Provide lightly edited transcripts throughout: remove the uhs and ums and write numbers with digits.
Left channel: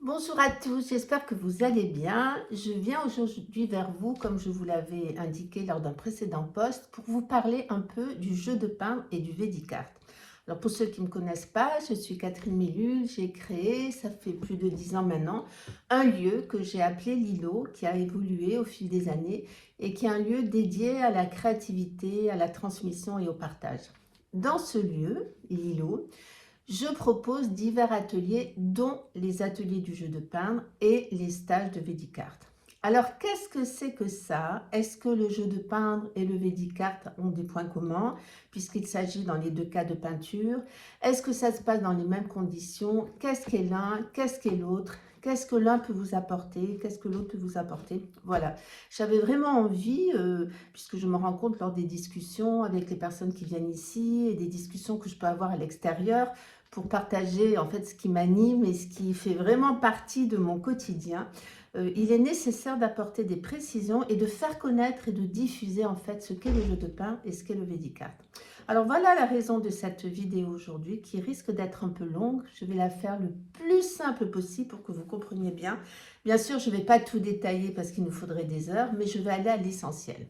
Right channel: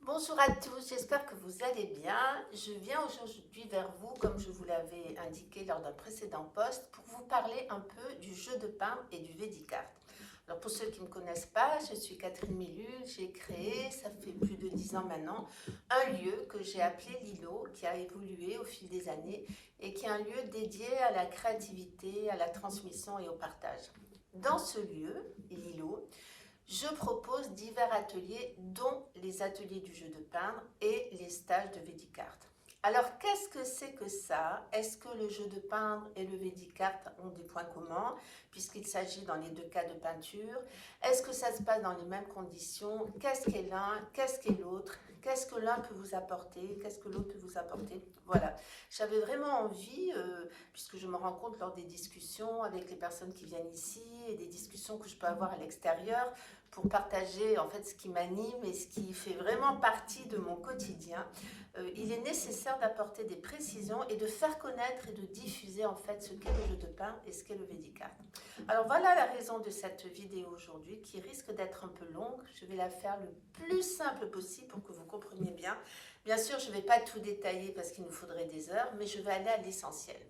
Bonjour à tous, j'espère que vous allez bien. Je viens aujourd'hui vers vous, comme je vous l'avais indiqué lors d'un précédent post, pour vous parler un peu du jeu de pain et du Védicart. Alors pour ceux qui ne me connaissent pas, je suis Catherine Mélule, j'ai créé, ça fait plus de 10 ans maintenant, un lieu que j'ai appelé Lilo, qui a évolué au fil des années et qui est un lieu dédié à la créativité, à la transmission et au partage. Dans ce lieu, Lilo, je propose divers ateliers, dont les ateliers du jeu de peindre et les stages de Védicart. Alors, qu'est-ce que c'est que ça? Est-ce que le jeu de peindre et le Védicart ont des points communs, puisqu'il s'agit dans les deux cas de peinture? Est-ce que ça se passe dans les mêmes conditions? Qu'est-ce qu'est l'un? Qu'est-ce qu'est l'autre? Qu'est-ce que l'un peut vous apporter? Qu'est-ce que l'autre peut vous apporter? Voilà, j'avais vraiment envie, puisque je me rends compte lors des discussions avec les personnes qui viennent ici et des discussions que je peux avoir à l'extérieur, pour partager en fait ce qui m'anime et ce qui fait vraiment partie de mon quotidien. Il est nécessaire d'apporter des précisions et de faire connaître et de diffuser en fait ce qu'est le jeu de pain et ce qu'est le Védicart. Alors voilà la raison de cette vidéo aujourd'hui qui risque d'être un peu longue. Je vais la faire le plus simple possible pour que vous compreniez bien. Bien sûr, je ne vais pas tout détailler parce qu'il nous faudrait des heures, mais je vais aller à l'essentiel.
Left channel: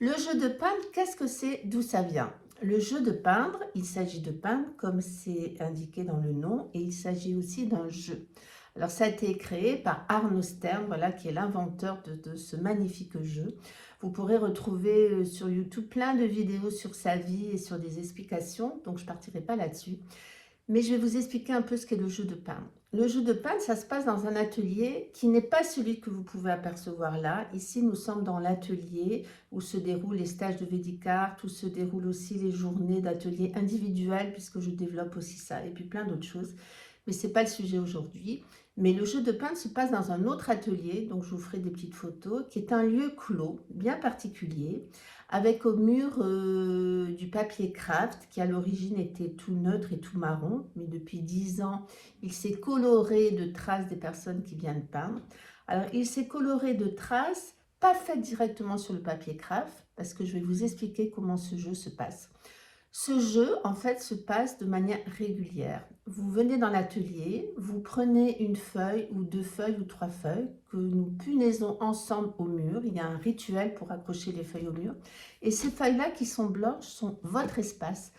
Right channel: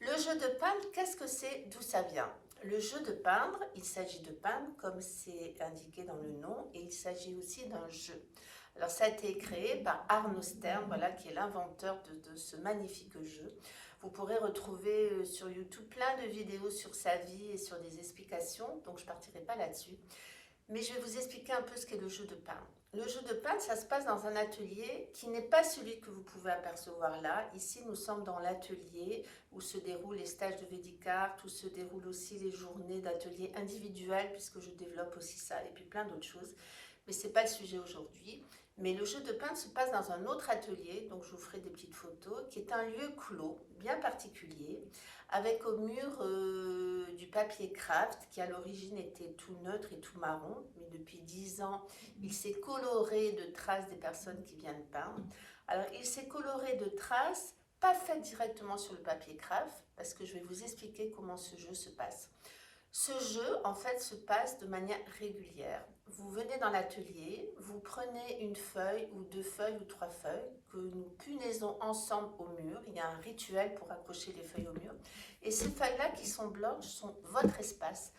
Le jeu de peindre, qu'est-ce que c'est? D'où ça vient? Le jeu de peindre, il s'agit de peindre comme c'est indiqué dans le nom, et il s'agit aussi d'un jeu. Alors ça a été créé par Arno Stern, voilà, qui est l'inventeur de ce magnifique jeu. Vous pourrez retrouver sur YouTube plein de vidéos sur sa vie et sur des explications, donc je ne partirai pas là-dessus. Mais je vais vous expliquer un peu ce qu'est le jeu de peindre. Le jeu de peindre, ça se passe dans un atelier qui n'est pas celui que vous pouvez apercevoir là. Ici, nous sommes dans l'atelier où se déroulent les stages de Védicart, où se déroulent aussi les journées d'atelier individuels, puisque je développe aussi ça, et puis plein d'autres choses. Mais ce n'est pas le sujet aujourd'hui. Mais le jeu de peindre se passe dans un autre atelier, donc je vous ferai des petites photos, qui est un lieu clos, bien particulier, avec au mur du papier craft qui à l'origine était tout neutre et tout marron, mais depuis 10 ans, il s'est coloré de traces des personnes qui viennent peindre. Alors, il s'est coloré de traces, pas faites directement sur le papier craft, parce que je vais vous expliquer comment ce jeu se passe. Ce jeu, en fait, se passe de manière régulière. Vous venez dans l'atelier, vous prenez une feuille ou deux feuilles ou trois feuilles que nous punaisons ensemble au mur. Il y a un rituel pour accrocher les feuilles au mur. Et ces feuilles-là qui sont blanches sont votre espace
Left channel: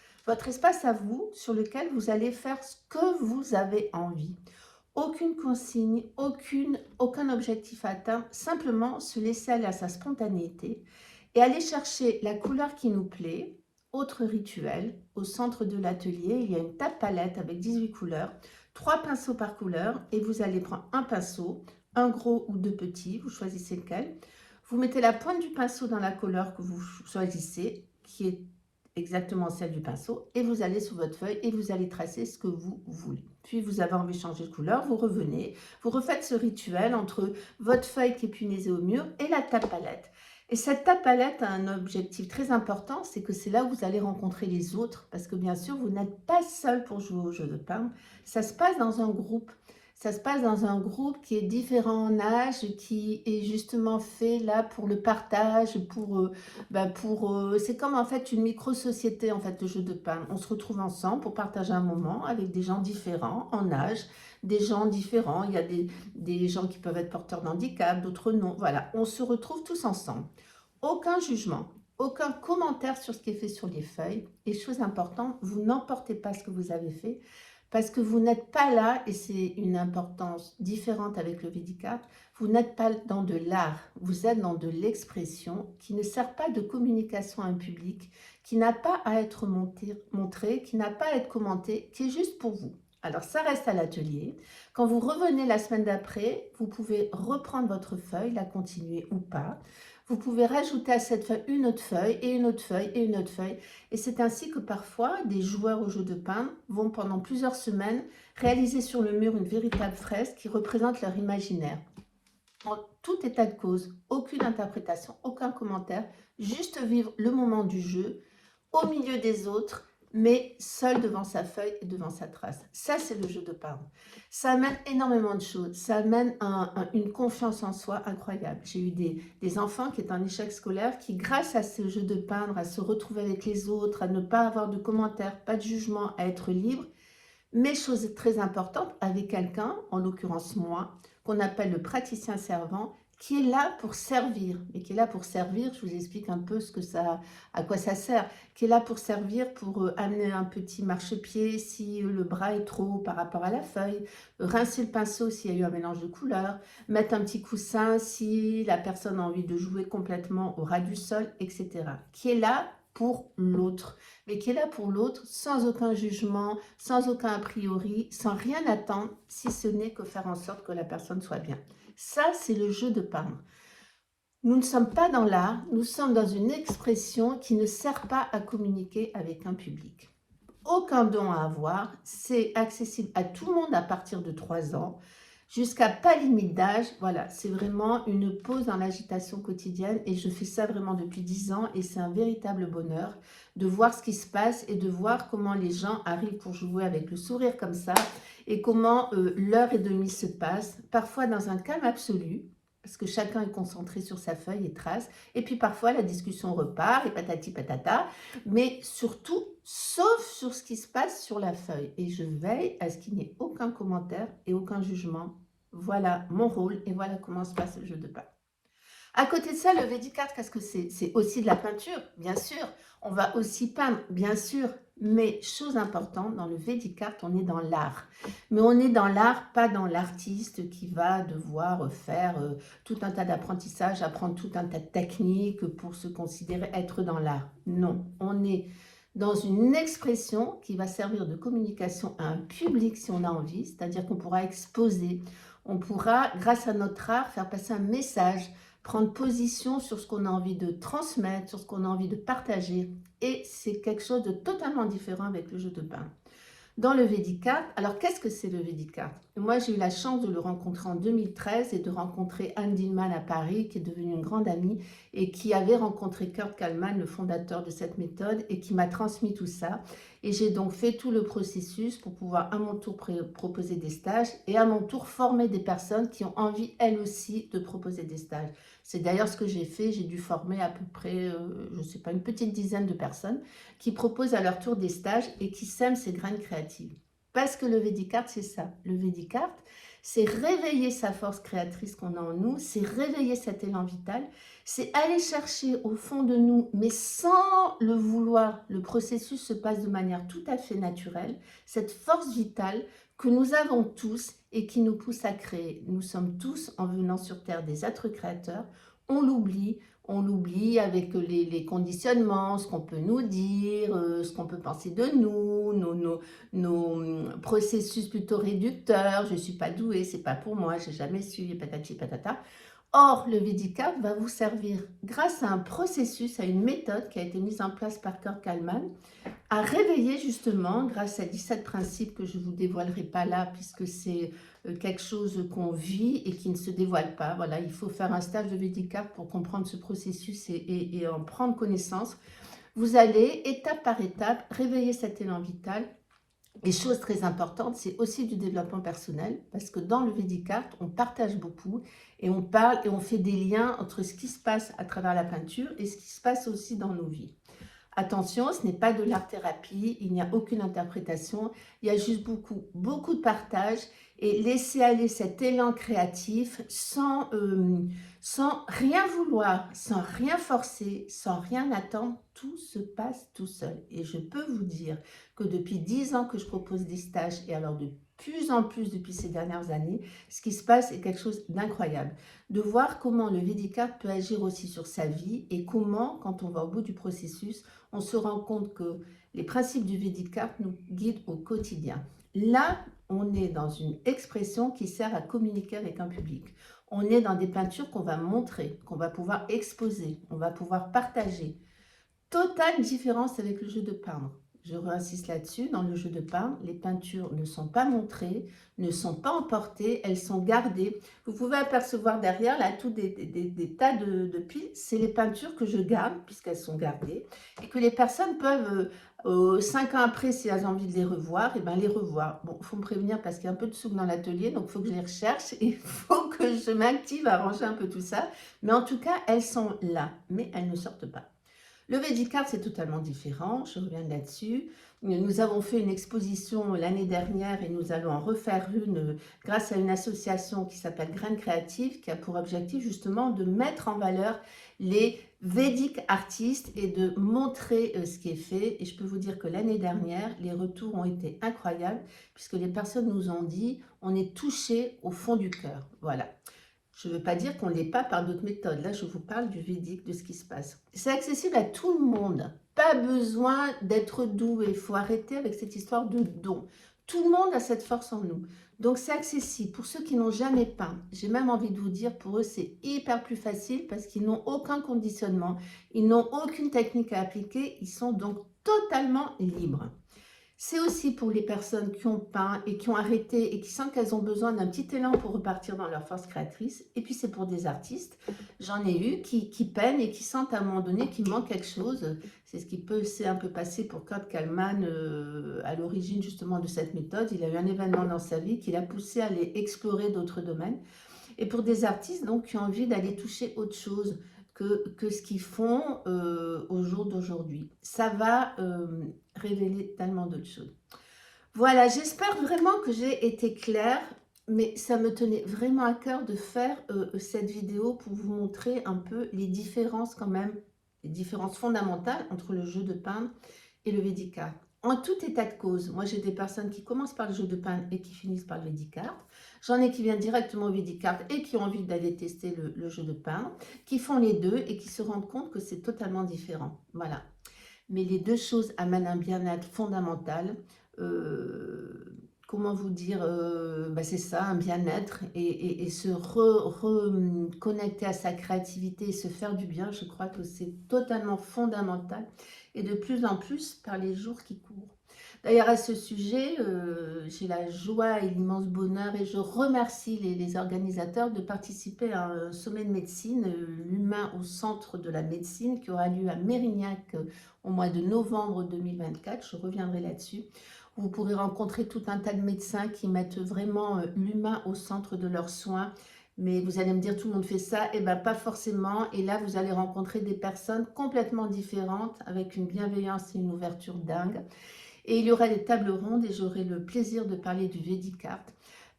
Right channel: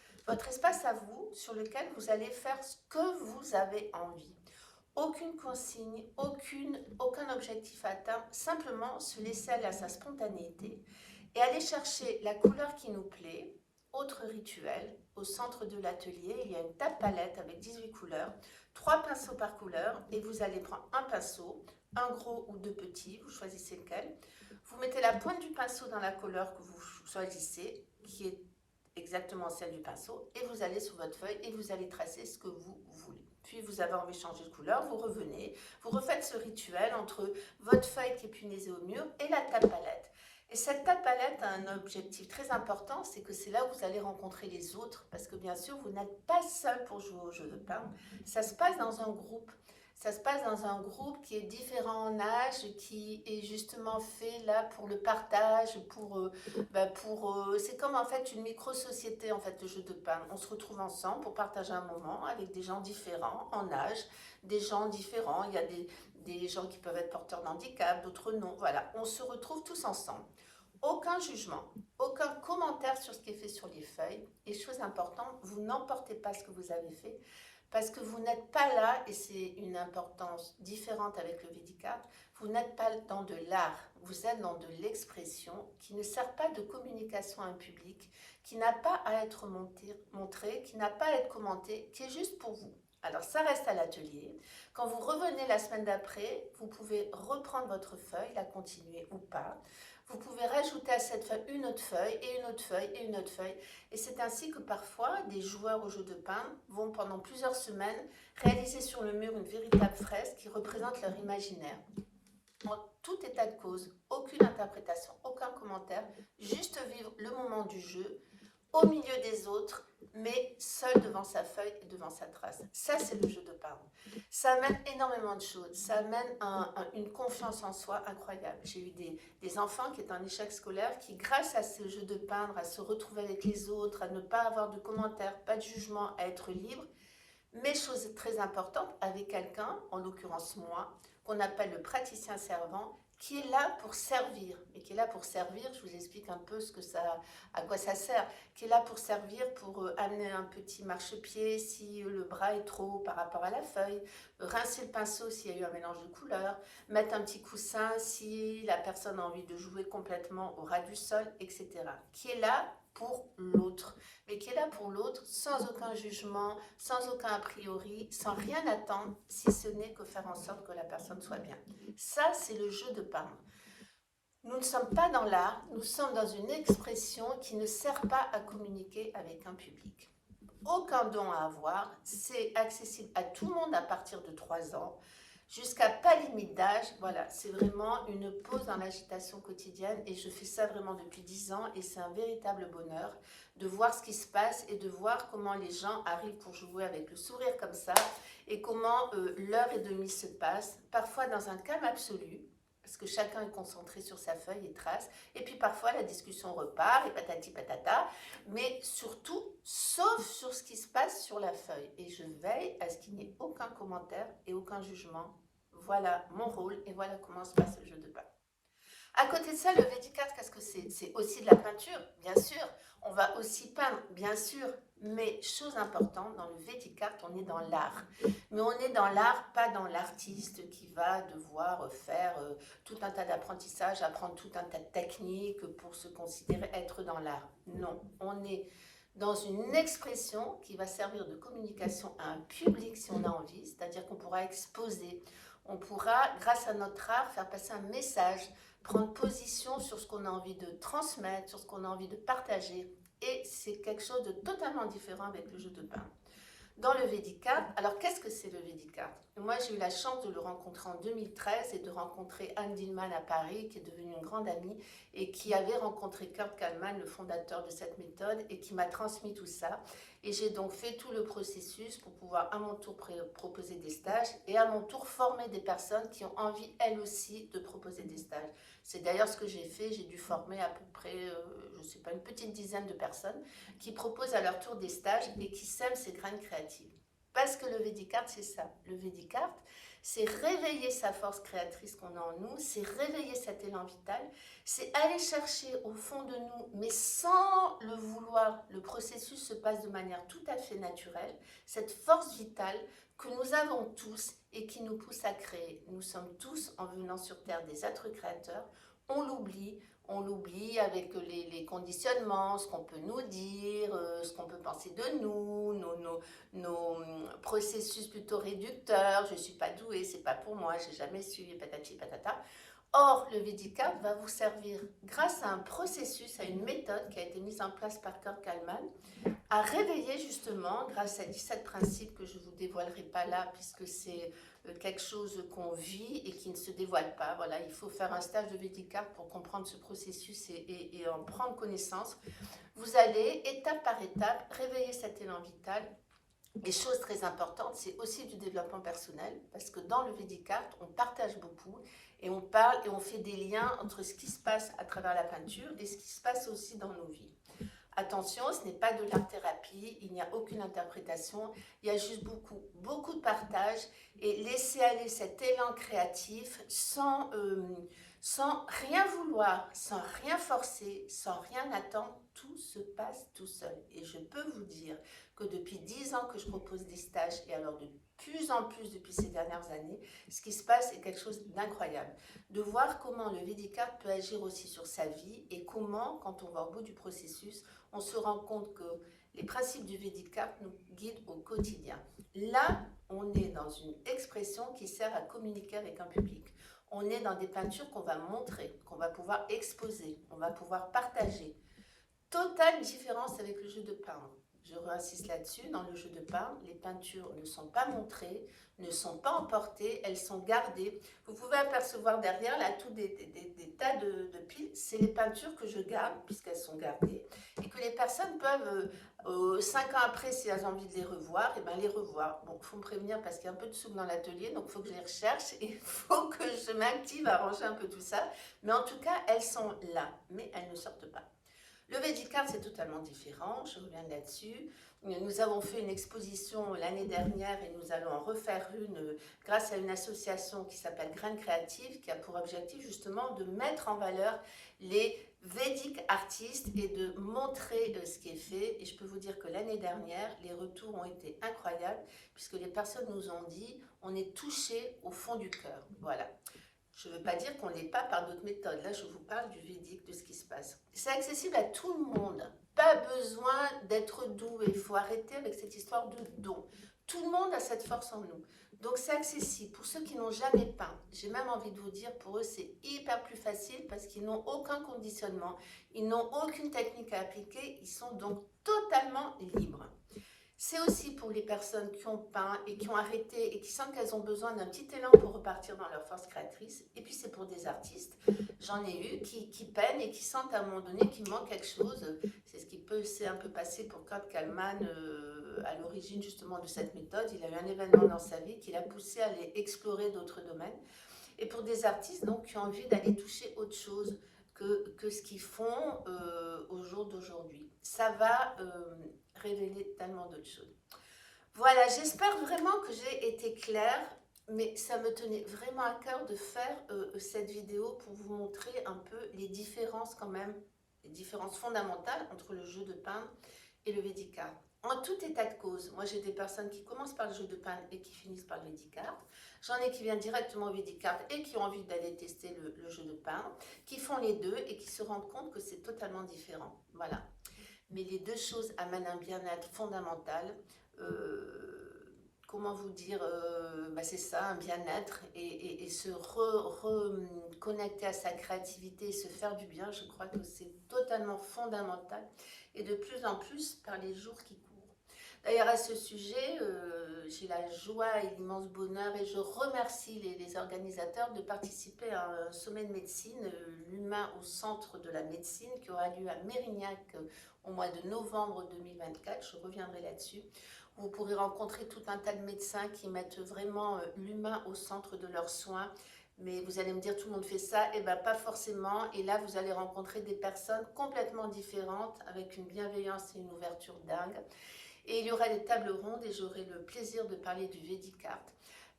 à vous sur lequel vous allez faire ce que vous avez envie. Aucune consigne, aucun objectif à atteindre, simplement se laisser aller à sa spontanéité et aller chercher la couleur qui nous plaît. Autre rituel, au centre de l'atelier, il y a une table palette avec 18 couleurs, 3 pinceaux par couleur, et vous allez prendre un pinceau, un gros ou deux petits, vous choisissez lequel. Vous mettez la pointe du pinceau dans la couleur que vous choisissez, qui est exactement celle du pinceau, et vous allez sur votre feuille et vous allez tracer ce que vous voulez. Puis vous avez envie de changer de couleur, vous revenez, vous refaites ce rituel entre votre feuille qui est punaisée au mur et la table palette. Et cette table palette a un objectif très important, c'est que c'est là où vous allez rencontrer les autres, parce que bien sûr, vous n'êtes pas seul pour jouer au jeu de peindre, ça se passe dans un groupe. Ça se passe dans un groupe qui est différent en âge, qui est justement fait là pour le partage, c'est comme en fait une micro-société en fait, le jeu de peindre. On se retrouve ensemble pour partager un moment avec des gens différents en âge, des gens différents. Il y a des gens qui peuvent être porteurs d'handicap, d'autres non. Voilà, on se retrouve tous ensemble. Aucun jugement, aucun commentaire sur ce qui est fait sur les feuilles. Et chose importante, vous n'emportez pas ce que vous avez fait parce que vous n'êtes pas là, et c'est une importance différente avec le Védicart, vous n'êtes pas dans de l'art, vous êtes dans de l'expression qui ne sert pas de communication à un public, qui n'a pas à être montré, qui n'a pas à être commenté, qui est juste pour vous. Alors ça reste à l'atelier. Quand vous revenez la semaine d'après, vous pouvez reprendre votre feuille, la continuer ou pas. Vous pouvez rajouter à cette feuille une autre feuille et une autre feuille et une autre feuille. Et c'est ainsi que parfois, des joueurs au jeu de peindre vont pendant plusieurs semaines réaliser sur le mur une véritable fresque qui représente leur imaginaire. En tout état de cause, aucune interprétation, aucun commentaire, juste vivre le moment du jeu au milieu des autres, mais seul devant sa feuille et devant sa trace. Ça, c'est le jeu de peindre. Ça amène énormément de choses. Ça amène une confiance en soi incroyable. J'ai eu des enfants qui étaient en échec scolaire qui, grâce à ce jeu de peindre, à se retrouver avec les autres, à ne pas avoir de commentaires, pas de jugement, à être libre, Mais chose très importante, avec quelqu'un, en l'occurrence moi, qu'on appelle le praticien servant, qui est là pour servir. Et qui est là pour servir, je vous explique un peu à quoi ça sert. Qui est là pour servir, pour amener un petit marchepied si le bras est trop haut par rapport à la feuille, rincer le pinceau s'il y a eu un mélange de couleurs, mettre un petit coussin si la personne a envie de jouer complètement au ras du sol, etc. Qui est là pour l'autre, mais qui est là pour l'autre sans aucun jugement, sans aucun a priori, sans rien attendre, si ce n'est que faire en sorte que la personne soit bien. Ça, c'est le jeu de peindre. Nous ne sommes pas dans l'art, nous sommes dans une expression qui ne sert pas à communiquer avec un public. Aucun don à avoir, c'est accessible à tout le monde à partir de 3 ans, jusqu'à pas limite d'âge. Voilà, c'est vraiment une pause dans l'agitation quotidienne et je fais ça vraiment depuis 10 ans et c'est un véritable bonheur de voir ce qui se passe et de voir comment les gens arrivent pour jouer avec le sourire comme ça et comment l'heure et demie se passe, parfois dans un calme absolu, parce que chacun est concentré sur sa feuille et trace, et puis parfois la discussion repart et patati patata, mais surtout, sauf sur ce qui se passe sur la feuille. Et je veille à ce qu'il n'y ait aucun commentaire et aucun jugement. Voilà mon rôle et voilà comment se passe le jeu de pain. À côté de ça, le V10 qu'est-ce que c'est? C'est aussi de la peinture, bien sûr. On va aussi peindre, bien sûr. Mais chose importante, dans le V10 on est dans l'art. Mais on est dans l'art, pas dans l'artiste qui va devoir faire tout un tas d'apprentissages, apprendre tout un tas de techniques pour se considérer être dans l'art. Non, on est dans une expression qui va servir de communication à un public si on a envie, c'est-à-dire qu'on pourra exposer, on pourra, grâce à notre art, faire passer un message, prendre position sur ce qu'on a envie de transmettre, sur ce qu'on a envie de partager. Et c'est quelque chose de totalement différent avec le jeu de pain. Dans le V10 alors qu'est-ce que c'est le V10 Moi, j'ai eu la chance de le rencontrer en 2013 et de rencontrer Anne Dillman à Paris, qui est devenue une grande amie et qui avait rencontré Kurt Kallman, le fondateur de cette méthode, et qui m'a transmis tout ça. Et j'ai donc fait tout le processus pour pouvoir à mon tour proposer des stages et à mon tour former des personnes qui ont envie, elles aussi, de proposer des stages. C'est d'ailleurs ce que j'ai fait. J'ai dû former à peu près, je ne sais pas, une petite dizaine de personnes qui proposent à leur tour des stages et qui sèment ces graines créatives. Parce que le V10 c'est ça. Le V10 c'est réveiller sa force créatrice qu'on a en nous, c'est réveiller cet élan vital, c'est aller chercher au fond de nous, mais sans le vouloir. Le processus se passe de manière tout à fait naturelle, cette force vitale que nous avons tous et qui nous pousse à créer. Nous sommes tous, en venant sur Terre, des êtres créateurs. On l'oublie avec les conditionnements, ce qu'on peut nous dire, ce qu'on peut penser de nous, nos processus plutôt réducteurs. Je ne suis pas douée, c'est pas pour moi, j'ai jamais su, patati patata. Or, le V10 va vous servir, grâce à un processus, à une méthode qui a été mise en place par Kurt Kallman, à réveiller justement, grâce à 17 principes que je ne vous dévoilerai pas là, puisque c'est quelque chose qu'on vit et qui ne se dévoile pas. Voilà, il faut faire un stage de V10 pour comprendre ce processus et en prendre connaissance. Vous allez, étape par étape, réveiller cet élan vital. Et chose très importante, c'est aussi du développement personnel, parce que dans le V10 on partage beaucoup et on parle et on fait des liens entre ce qui se passe à travers la peinture et ce qui se passe aussi dans nos vies. Attention, ce n'est pas de l'art-thérapie, il n'y a aucune interprétation, il y a juste beaucoup de partage et laisser aller cet élan créatif sans rien vouloir, sans rien forcer, sans rien attendre, tout se passe tout seul. Et je peux vous dire que depuis 10 ans que je propose des stages et alors de plus en plus depuis ces dernières années, ce qui se passe est quelque chose d'incroyable. De voir comment le V10 peut agir aussi sur sa vie et comment, quand on va au bout du processus, on se rend compte que les principes du V10 nous guident au quotidien. Là, on est dans une expression qui sert à communiquer avec un public. On est dans des peintures qu'on va montrer, qu'on va pouvoir exposer, on va pouvoir partager. Totale différence avec le jeu de peindre. Je réinsiste là-dessus, dans le jeu de peindre, les peintures ne sont pas montrées, ne sont pas emportées, elles sont gardées. Vous pouvez apercevoir derrière, là, tout des tas de piles. C'est les peintures que je garde, puisqu'elles sont gardées, et que les personnes peuvent, 5 ans après, si elles ont envie de les revoir, et ben les revoir. Bon, il faut me prévenir parce qu'il y a un peu de souk dans l'atelier, donc il faut que je les recherche, et il faut que je m'active à ranger un peu tout ça. Mais en tout cas, elles sont là, mais elles ne sortent pas. Le Vedic Art, c'est totalement différent, je reviens là-dessus. Nous avons fait une exposition l'année dernière et nous allons en refaire une grâce à une association qui s'appelle Graines Créatives, qui a pour objectif justement de mettre en valeur les Vedic artistes et de montrer ce qui est fait. Et je peux vous dire que l'année dernière, les retours ont été incroyables puisque les personnes nous ont dit on est touché au fond du cœur. Voilà. Je ne veux pas dire qu'on ne l'est pas par d'autres méthodes. Là, je vous parle du Védique, de ce qui se passe. C'est accessible à tout le monde. Pas besoin d'être doué. Il faut arrêter avec cette histoire de don. Tout le monde a cette force en nous. Donc, c'est accessible. Pour ceux qui n'ont jamais peint, j'ai même envie de vous dire, pour eux, c'est hyper plus facile parce qu'ils n'ont aucun conditionnement. Ils n'ont aucune technique à appliquer. Ils sont donc totalement libres. C'est aussi pour les personnes qui ont peint et qui ont arrêté et qui sentent qu'elles ont besoin d'un petit élan pour repartir dans leur force créatrice. Et puis c'est pour des artistes, j'en ai eu qui peinent et qui sentent à un moment donné qu'il manque quelque chose. C'est ce qui peut s'est un peu passé pour Kurt Kallman à l'origine justement de cette méthode. Il a eu un événement dans sa vie qui l'a poussé à aller explorer d'autres domaines. Et pour des artistes donc qui ont envie d'aller toucher autre chose que ce qu'ils font au jour d'aujourd'hui. Ça va révéler tellement d'autres choses. Voilà, j'espère vraiment que j'ai été claire, mais ça me tenait vraiment à cœur de faire cette vidéo pour vous montrer un peu les différences quand même, les différences fondamentales entre le jeu de peindre et le Vedic Art. En tout état de cause, moi j'ai des personnes qui commencent par le jeu de peindre et qui finissent par le Vedic Art. J'en ai qui viennent directement au Vedic Art et qui ont envie d'aller tester le jeu de peindre, qui font les deux et qui se rendent compte que c'est totalement différent. Voilà. Mais les deux choses amènent un bien-être fondamental. Comment vous dire, c'est ça, un bien-être et se reconnecter à sa créativité et se faire du bien, je crois que c'est totalement fondamental et de plus en plus par les jours qui courent. D'ailleurs, à ce sujet, j'ai la joie et l'immense bonheur et je remercie les organisateurs de participer à un sommet de médecine, l'humain au centre de la médecine, qui aura lieu à Mérignac au mois de novembre 2024. Je reviendrai là-dessus. Vous pourrez rencontrer tout un tas de médecins qui mettent vraiment l'humain au centre de leurs soins. Mais vous allez me dire, tout le monde fait ça. Eh bien, pas forcément. Et là, vous allez rencontrer des personnes complètement différentes, avec une bienveillance et une ouverture dingue. Et il y aura des tables rondes et j'aurai le plaisir de parler du Vedic Art.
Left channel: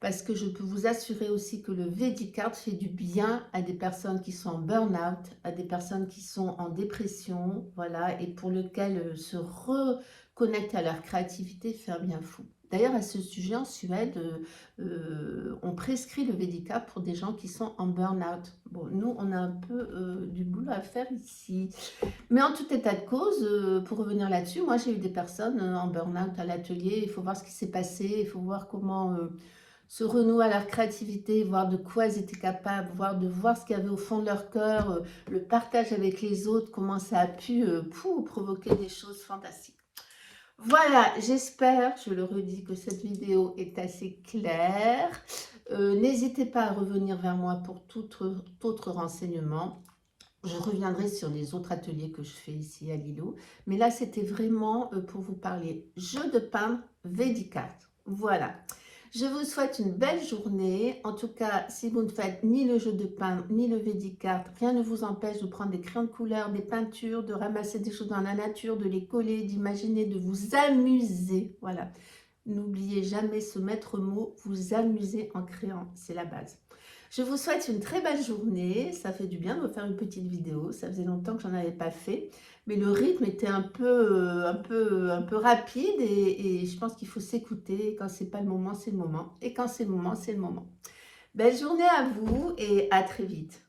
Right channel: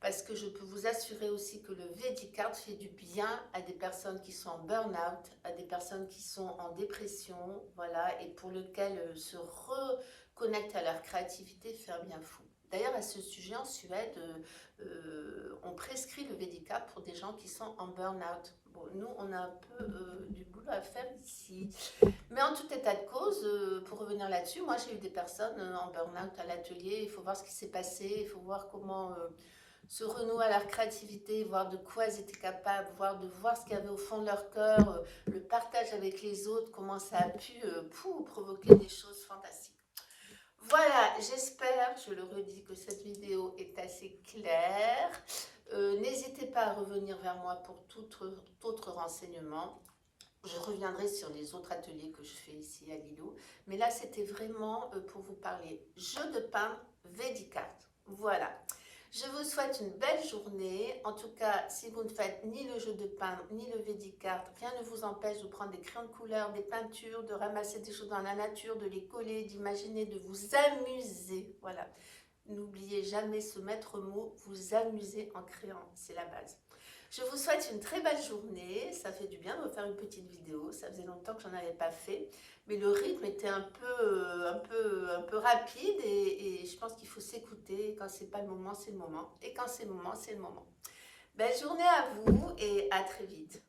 Parce que je peux vous assurer aussi que le Vedic Art fait du bien à des personnes qui sont en burn-out, à des personnes qui sont en dépression, voilà, et pour lesquelles se reconnecter à leur créativité fait un bien fou. D'ailleurs, à ce sujet, en Suède, on prescrit le Vedic Art pour des gens qui sont en burn-out. Bon, nous, on a un peu du boulot à faire ici. Mais en tout état de cause, pour revenir là-dessus, moi, j'ai eu des personnes en burn-out à l'atelier. Il faut voir ce qui s'est passé, il faut voir comment se renouer à leur créativité, voir de quoi elles étaient capables, voir ce qu'il y avait au fond de leur cœur, le partage avec les autres, comment ça a pu provoquer des choses fantastiques. Voilà, j'espère, je le redis, que cette vidéo est assez claire. N'hésitez pas à revenir vers moi pour tout autre renseignement. Je reviendrai sur les autres ateliers que je fais ici à Lilo. Mais là, c'était vraiment pour vous parler jeu de peindre Vedic Art. Voilà. Je vous souhaite une belle journée. En tout cas, si vous ne faites ni le jeu de peindre, ni le Vedic Art, rien ne vous empêche de prendre des crayons de couleur, des peintures, de ramasser des choses dans la nature, de les coller, d'imaginer, de vous amuser. Voilà. N'oubliez jamais ce maître mot, vous amuser en créant. C'est la base. Je vous souhaite une très belle journée. Ça fait du bien de me faire une petite vidéo. Ça faisait longtemps que j'en avais pas fait. Mais le rythme était un peu rapide. Et je pense qu'il faut s'écouter. Quand c'est pas le moment, c'est le moment. Et quand c'est le moment, c'est le moment. Belle journée à vous et à très vite.